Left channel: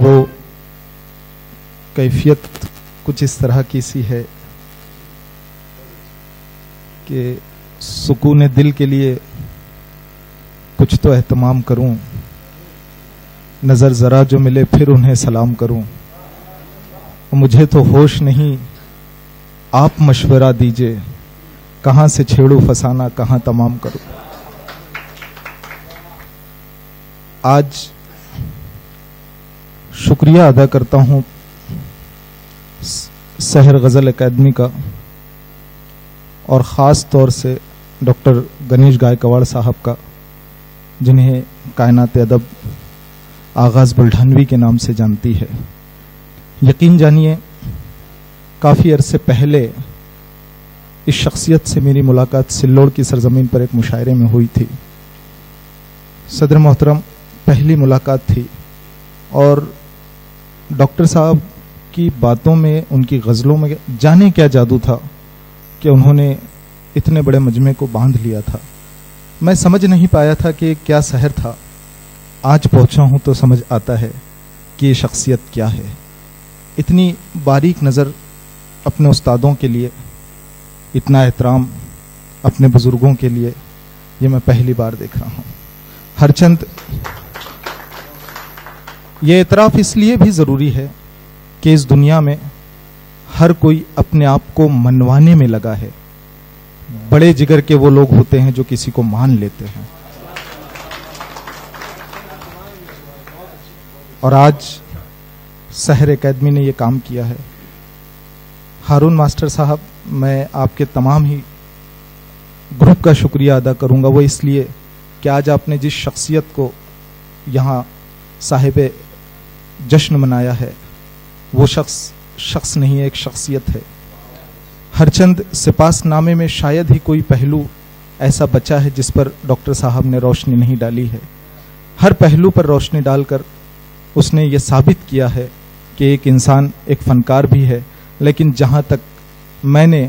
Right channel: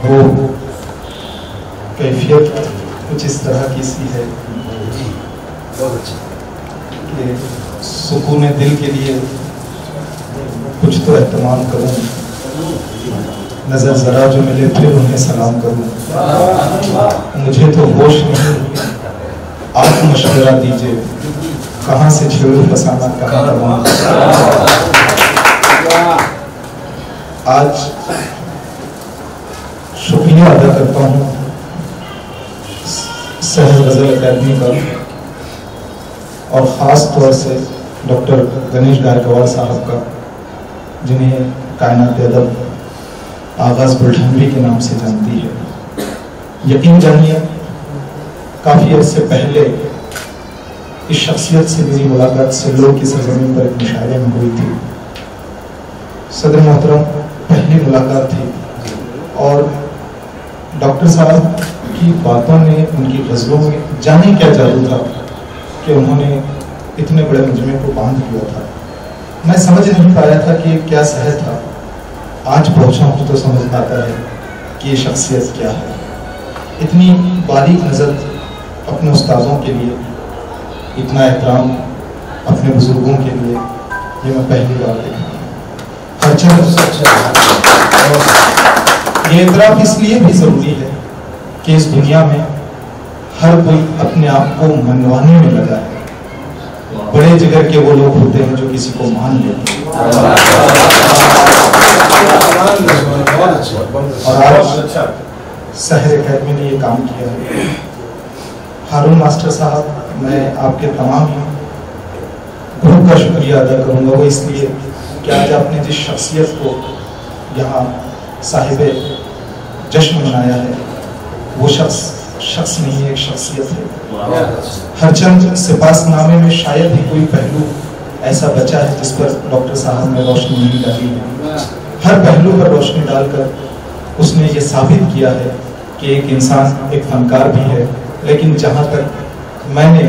وہ کیفیت کچھ اس طرح کی سی ہے کہ سکون دل کے لیے کچھ تو اہتمام کروں، نظر ذرا جو ملے پھر انہیں سلام کروں، مجھے تو ہوش نہیں، آپ مشورہ دیجئے، کہاں سے چھیڑو فسانہ کہاں تمام۔ آج شکریہ ادا کرتا ہوں سحر غزل اکیڈمی کا، اور خاص طور سے ڈاکٹر گنیش گائیکواڑ صاحب کا، جنہیں کائنات ادب آغاز بلٹھنوی کے نام سے جانتی ہے۔ یقین جانیے کافی عرصے پہلے اس شخصیت سے میری ملاقات سلور کی سرزمین پر ایک مشاعرے میں ہوئی تھی۔ صدر محترم پہلی ملاقات تھی، اور ڈاکٹر صاحب کی باتوں میں، ان کی غزلوں میں جانے کیا جادو تھا کہ انہوں نے اتنے بڑے مجمع کو باندھ لیا تھا۔ میں سمجھ نہیں پایا تھا کہ کیا سحر تھا، آج پہنچا ہوں تو سمجھ آتا ہے کہ یہ شخصیت کیا ہے۔ اتنی باریک نظر اپنے استادوں کے لیے، اتنا احترام اپنے بزرگوں کے لیے، یہ میں پہلی بار دیکھا۔ ہر چند یہ اعتراف اس لیے بھی ضروری ہے کہ اس دنیا میں ہر کوئی اپنے آپ کو منوانے میں لگا ہے۔ بڑے جگر کے وہ لوگ ہوتے ہیں جو کسی کو مان لیتے ہیں، اور آج سحر اکیڈمی نے یہ کام کیا ہے۔ ہارون ماسٹر صاحب، میں آپ کے تمام ہی گروپ کا شکریہ ادا کروں گا، وہ اس لیے کہ آج آپ نے جس شخصیت کو یہاں صاحب جشن منایا ہے، وہ شخص نہیں ہے، ایک شخصیت ہے۔ ہر چند سپاس نامے میں شاید ہی کوئی پہلو ایسا بچا ہے جس پر ڈاکٹر صاحب نے روشنی نہیں ڈالی ہے۔ ہر پہلو پر روشنی ڈال کر اس نے یہ ثابت کیا ہے کہ ایک انسان ایک فنکار بھی ہے، لیکن جہاں تک میں نے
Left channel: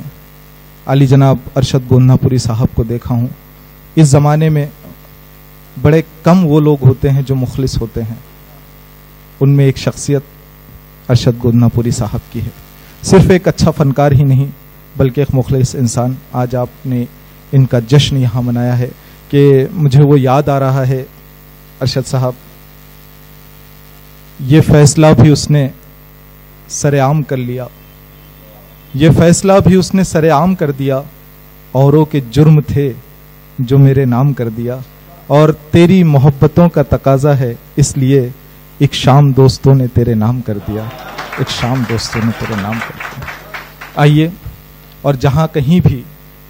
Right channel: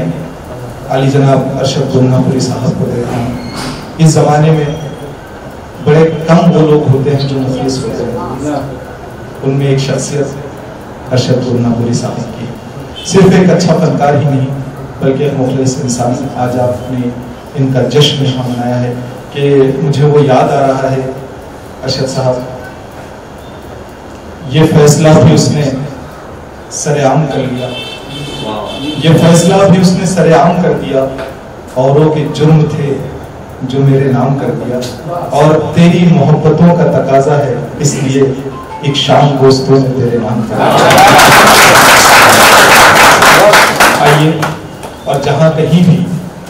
علی جناب ارشد گولنا پوری صاحب کو دیکھا ہوں، اس زمانے میں بڑے کم وہ لوگ ہوتے ہیں جو مخلص ہوتے ہیں، ان میں ایک شخصیت ارشد گولنا پوری صاحب کی ہے۔ صرف ایک اچھا فنکار ہی نہیں بلکہ ایک مخلص انسان۔ آج آپ نے ان کا جشن یہاں منایا ہے کہ مجھے وہ یاد آ رہا ہے، ارشد صاحب یہ فیصلہ بھی اس نے سرعام کر لیا، یہ فیصلہ بھی اس نے سرعام کر دیا، اوروں کے جرم تھے جو میرے نام کر دیا، اور تیری محبتوں کا تقاضا ہے اس لیے ایک شام دوستوں نے تیرے نام کر دیا۔ آئیے، اور جہاں کہیں بھی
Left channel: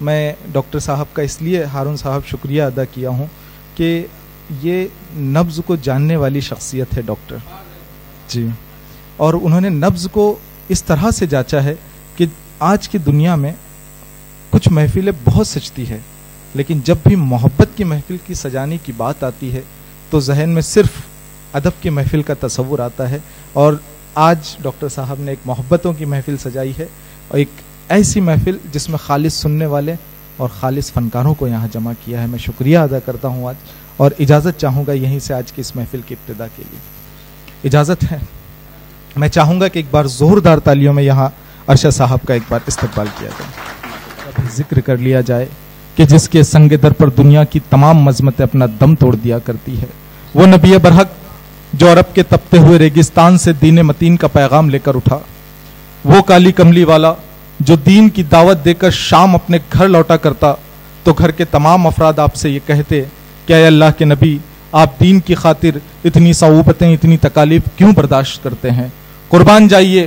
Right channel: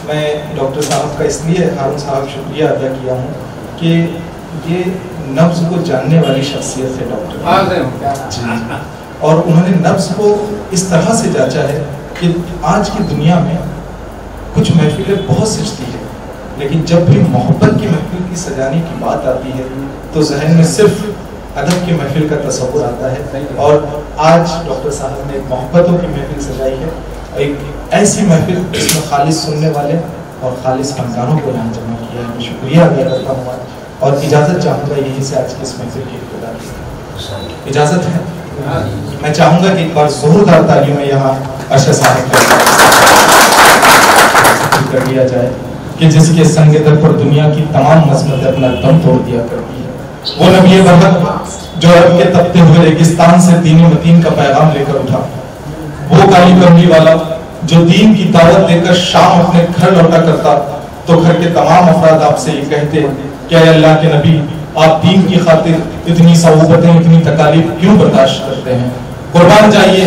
میں ڈاکٹر صاحب کا اس لیے ہارون صاحب شکریہ ادا کیا ہوں کہ یہ نبض کو جاننے والی شخصیت ہے ڈاکٹر جی، اور انہوں نے نبض کو اس طرح سے جانچا ہے کہ آج کی دنیا میں کچھ محفلیں بہت سجتی ہے، لیکن جب بھی محبت کی محفل کی سجانے کی بات آتی ہے تو ذہن میں صرف ادب کی محفل کا تصور آتا ہے، اور آج ڈاکٹر صاحب نے محبتوں کی محفل سجائی ہے، ایک ایسی محفل جس میں خالص سننے والے اور خالص فنکاروں کو یہاں جمع کیا ہے۔ میں شکریہ ادا کرتا ہوں اور اجازت چاہوں گا یہیں سے آج کی اس محفل کی ابتدا کی اجازت ہے۔ میں چاہوں گا کہ ایک بار زوردار تالیوں میں یہاں ارشد صاحب کا ذکر کر لیا جائے کہ جس کے سنگ در پر دنیا کی تمام عظمتیں اپنا دم توڑ دیا کرتی ہے، وہ نبی برحق جو عرب کے تپتے ہوئے ریگستان سے دین متین کا پیغام لے کر اٹھا، وہ کالی کملی والا جو دین کی دعوت دے کر شام اپنے گھر لوٹا کرتا تو گھر کے تمام افراد آپ سے یہ کہتے کہ اے اللہ کے نبی، آپ دین کی خاطر اتنی صعوبتیں، اتنی تکالیف کیوں برداشت کرتے ہیں؟ قربان جائیے،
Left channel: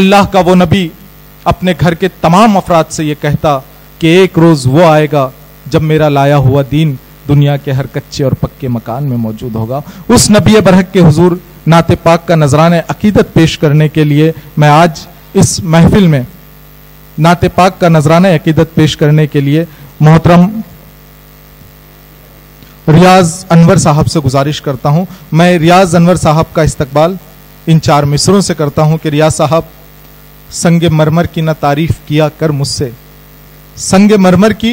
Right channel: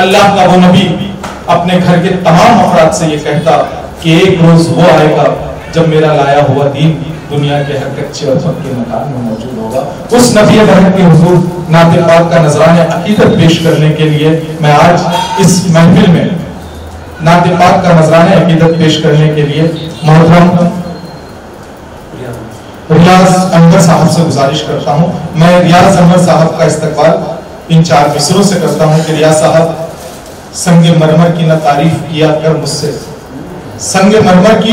اللہ کا وہ نبی اپنے گھر کے تمام افراد سے یہ کہتا کہ ایک روز وہ آئے گا جب میرا لایا ہوا دین دنیا کے ہر کچے اور پکے مکان میں موجود ہوگا۔ اس نبی برحق کے حضور نعت پاک کا نذرانہ عقیدت پیش کرنے کے لیے میں آج اس محفل میں نعت پاک کا نذرانہ عقیدت پیش کرنے کے لیے محترم ریاض انور صاحب سے گزارش کرتا ہوں۔ میں ریاض انور صاحب کا استقبال ان 4 مصروں سے کرتا ہوں کہ ریاض صاحب سنگ مرمر کی نہ تعریف کیا کر مجھ سے، سنگ مرمر کی